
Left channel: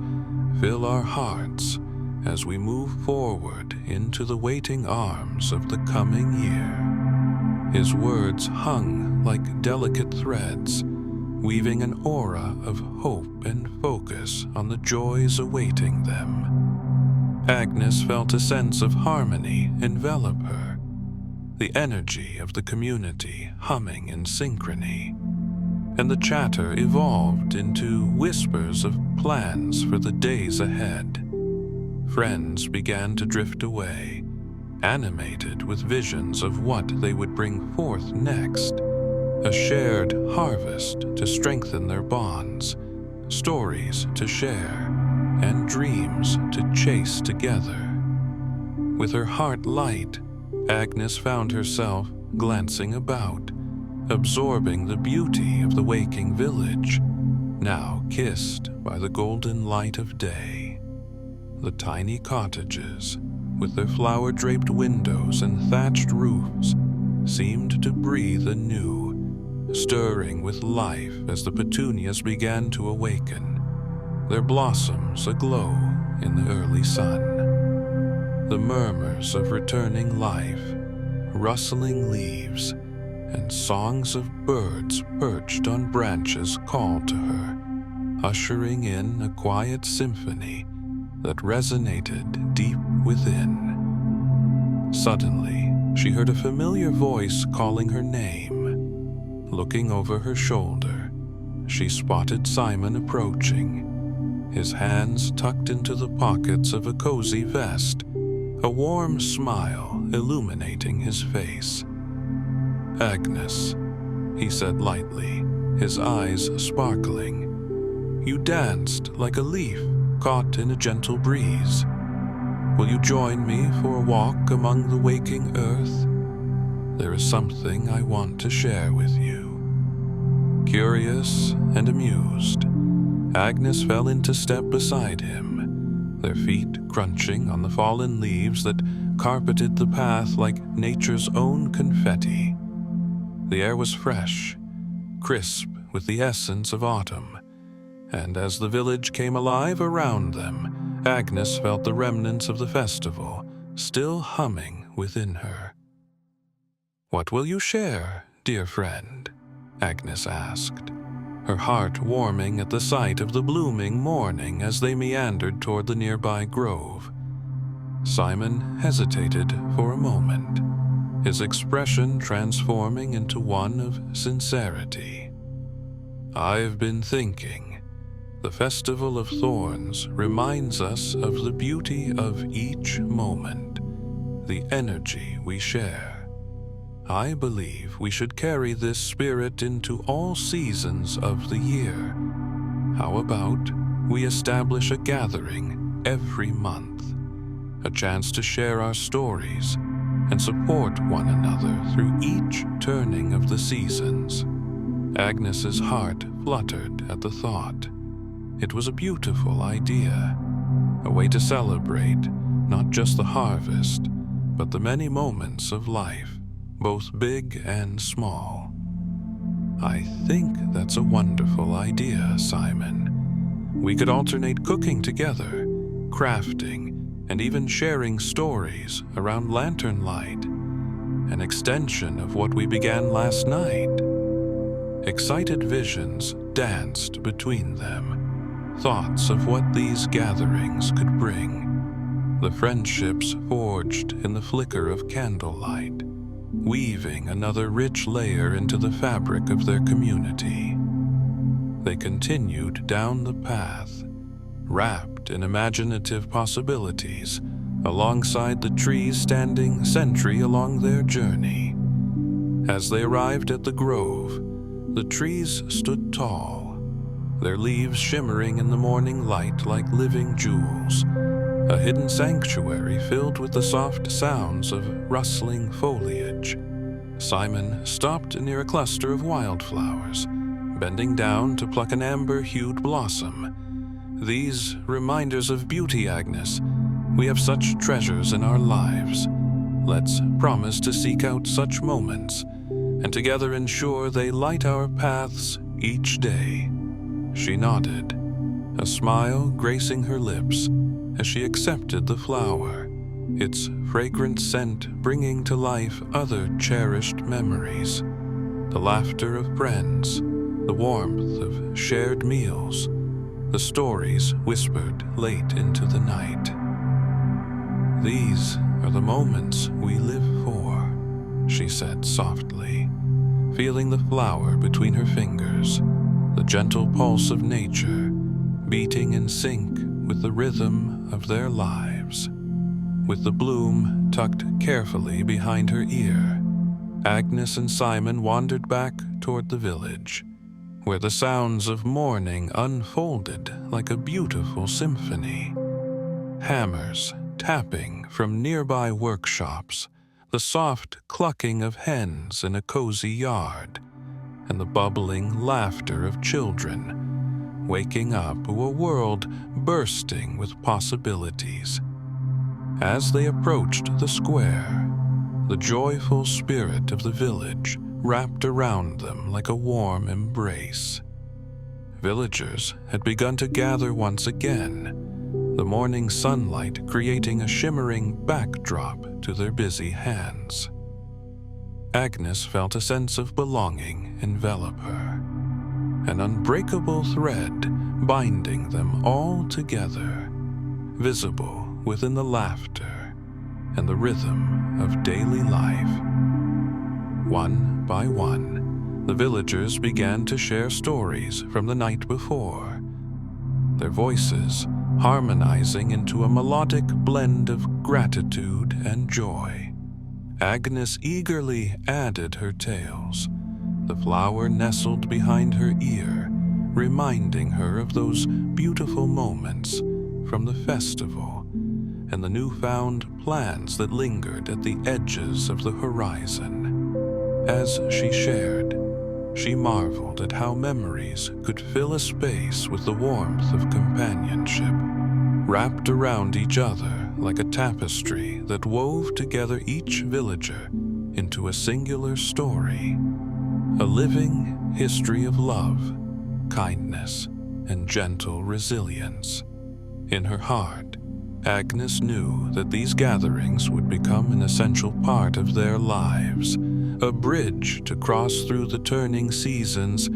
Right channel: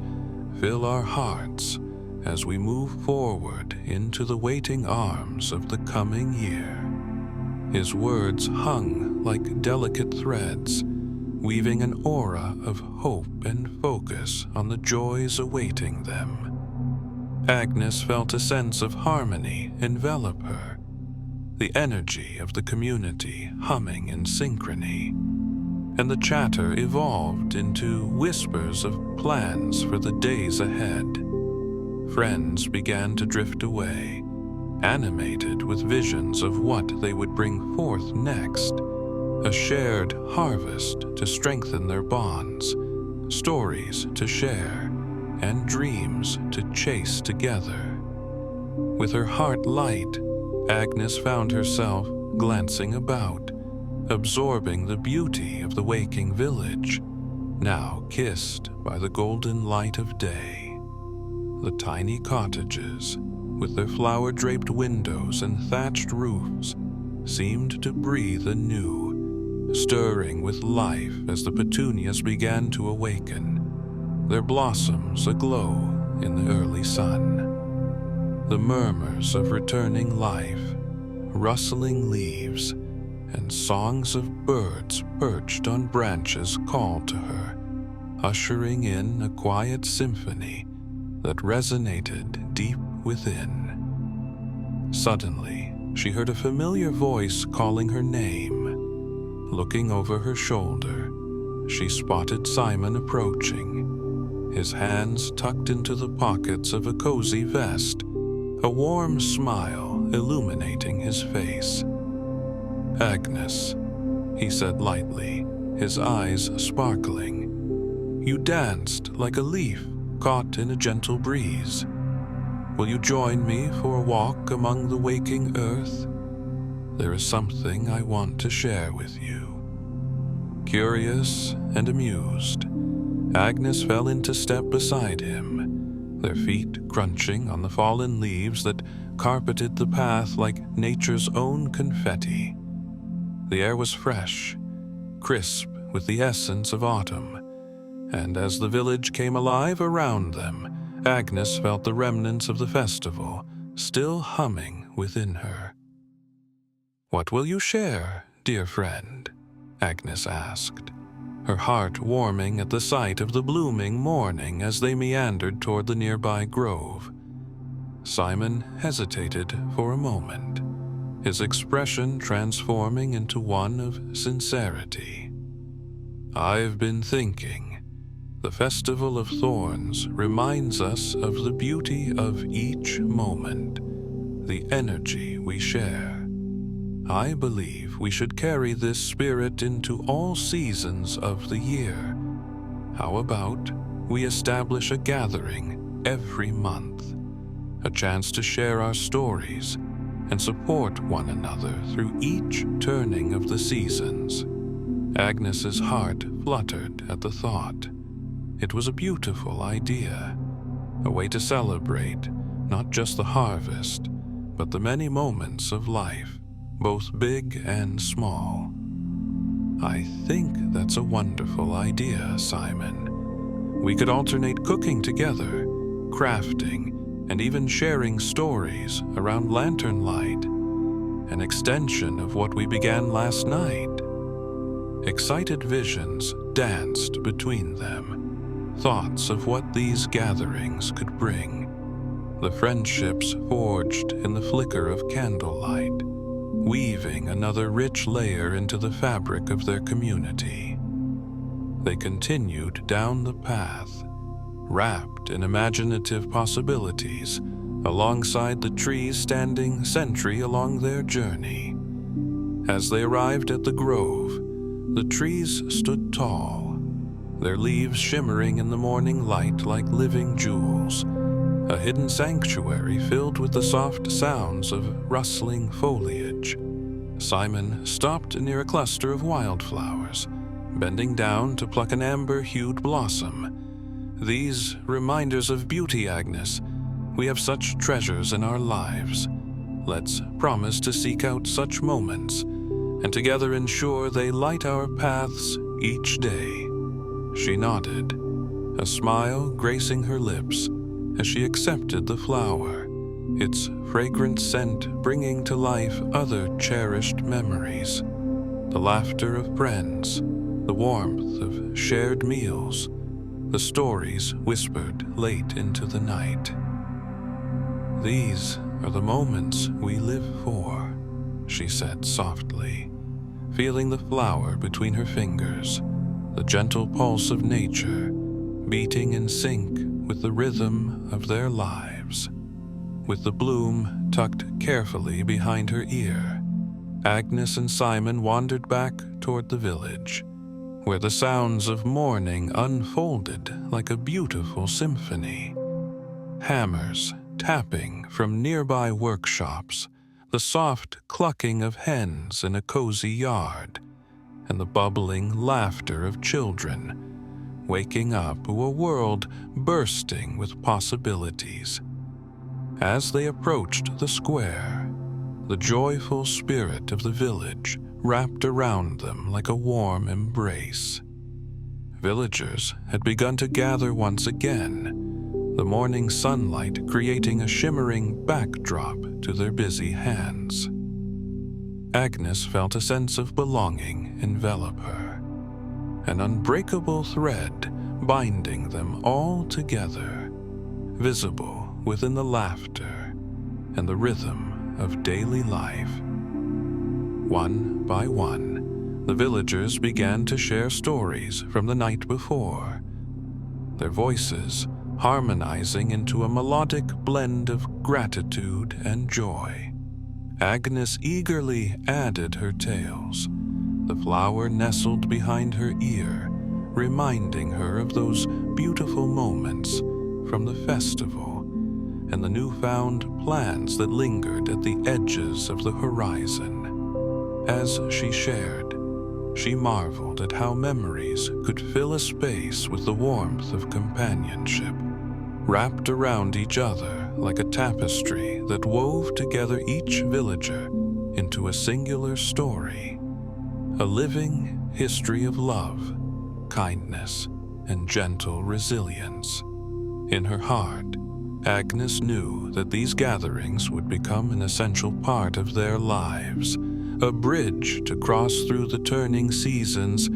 fill our hearts as we move forward into the waiting arms of the coming year. His words hung like delicate threads, weaving an aura of hope and focus on the joys awaiting them. Agnes felt a sense of harmony envelop her, the energy of the community humming in synchrony, and the chatter evolved into whispers of plans for the days ahead. Friends began to drift away, animated with visions of what they would bring forth next, a shared harvest to strengthen their bonds, stories to share, and dreams to chase together. With her heart light, Agnes found herself glancing about, absorbing the beauty of the waking village, now kissed by the golden light of day. The tiny cottages, with their flower-draped windows and thatched roofs, seemed to breathe anew, stirring with life as the petunias began to awaken, their blossoms aglow in the early sun. The murmurs of returning life, rustling leaves, and songs of birds perched on branches called to her, ushering in a quiet symphony that resonated deep within. Suddenly, she heard a familiar voice calling her name. Looking over her shoulder, she spotted Simon approaching, his hands tucked into the pockets of a cozy vest, a warm smile illuminating his face. "Agnes," he said lightly, his eyes sparkling. "You danced like a leaf caught in a gentle breeze. Will you join me for a walk among the waking earth? There is something I want to share with you." Curious and amused, Agnes fell into step beside him, their feet crunching on the fallen leaves that carpeted the path like nature's own confetti. The air was fresh, crisp with the essence of autumn, and as the village came alive around them, Agnes felt the remnants of the festival still humming within her. "What will you share, dear friend?" Agnes asked, her heart warming at the sight of the blooming morning as they meandered toward the nearby grove. Simon hesitated for a moment, his expression transforming into one of sincerity. "I've been thinking. The Festival of Thorns reminds us of the beauty of each moment, the energy we share. I believe we should carry this spirit into all seasons of the year. How about we establish a gathering every month, a chance to share our stories and support one another through each turning of the seasons?" Agnes's heart fluttered at the thought. It was a beautiful idea, a way to celebrate not just the harvest, but the many moments of life, both big and small. "I think that's a wonderful idea, Simon. We could alternate cooking together, crafting, and even sharing stories around lantern light, an extension of what we began last night." Excited visions danced between them, thoughts of what these gatherings could bring, the friendships forged in the flicker of candlelight, weaving another rich layer into the fabric of their community. They continued down the path, wrapped in imaginative possibilities, alongside the trees standing sentry along their journey. As they arrived at the grove, the trees stood tall, their leaves shimmering in the morning light like living jewels, a hidden sanctuary filled with the soft sounds of rustling foliage. Simon stopped near a cluster of wildflowers, bending down to pluck an amber-hued blossom. "These reminders of beauty, Agnes. We have such treasures in our lives. Let's promise to seek out such moments, and together ensure they light our paths each day." She nodded, a smile gracing her lips as she accepted the flower, its fragrant scent bringing to life other cherished memories, the laughter of friends, the warmth of shared meals, the stories whispered late into the night. "These are the moments we live for," she said softly, feeling the flower between her fingers, the gentle pulse of nature beating in sync with the rhythm of their lives. With the bloom tucked carefully behind her ear, Agnes and Simon wandered back toward the village, where the sounds of morning unfolded like a beautiful symphony. Hammers tapping from nearby workshops, the soft clucking of hens in a cozy yard, and the bubbling laughter of children, waking up to a world bursting with possibilities. As they approached the square, the joyful spirit of the village wrapped around them like a warm embrace. Villagers had begun to gather once again, the morning sunlight creating a shimmering backdrop to their busy hands. Agnes felt a sense of belonging envelop her, an unbreakable thread binding them all together, visible within the laughter and the rhythm of daily life. One by one, the villagers began to share stories from the night before, their voices harmonizing into a melodic blend of gratitude and joy. Agnes eagerly added her tales, the flower nestled behind her ear, reminding her of those beautiful moments from the festival and the newfound plans that lingered at the edges of the horizon. As she shared, she marveled at how memories could fill a space with the warmth of companionship, wrapped around each other like a tapestry that wove together each villager into a singular story. a living history of love, kindness, and gentle resilience. In her heart, Agnes knew that these gatherings would become an essential part of their lives, a bridge to cross through the turning seasons,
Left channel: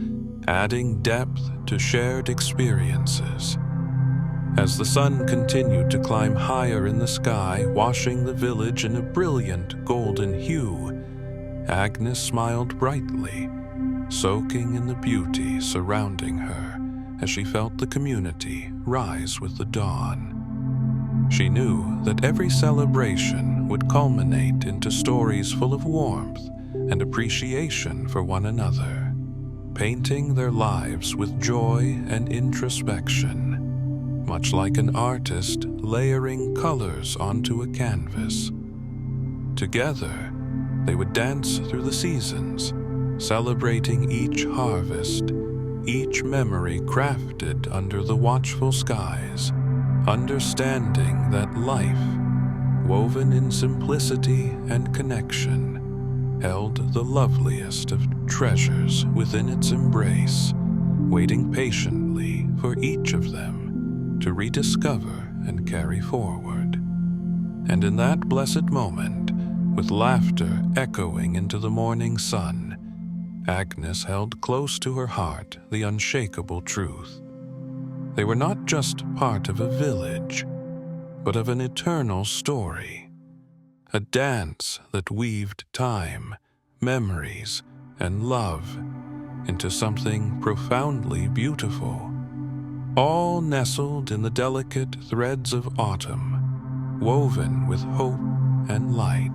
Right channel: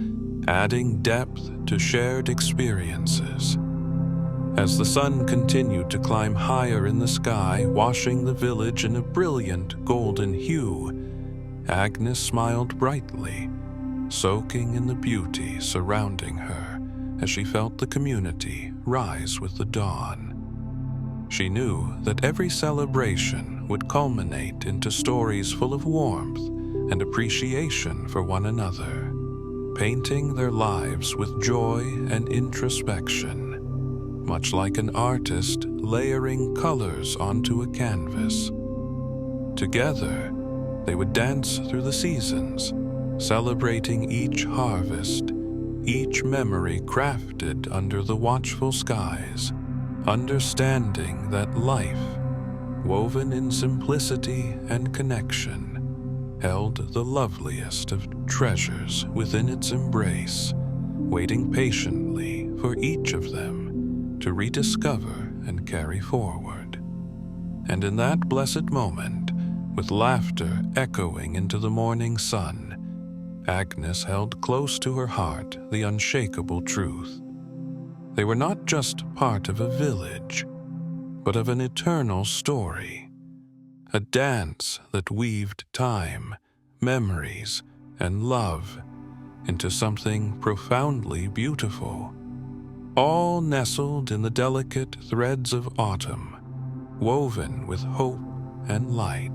adding depth to shared experiences. As the sun continued to climb higher in the sky, washing the village in a brilliant golden hue, Agnes smiled brightly, soaking in the beauty surrounding her as she felt the community rise with the dawn. She knew that every celebration would culminate into stories full of warmth and appreciation for one another, painting their lives with joy and introspection, much like an artist layering colors onto a canvas. Together, they would dance through the seasons, celebrating each harvest, each memory crafted under the watchful skies, understanding that life, woven in simplicity and connection, held the loveliest of treasures within its embrace, waiting patiently for each of them to rediscover and carry forward. And in that blessed moment, with laughter echoing into the morning sun, Agnes held close to her heart the unshakable truth. They were not just part of a village, but of an eternal story, a dance that weaved time, memories, and love into something profoundly beautiful, all nestled in the delicate threads of autumn, woven with hope and light.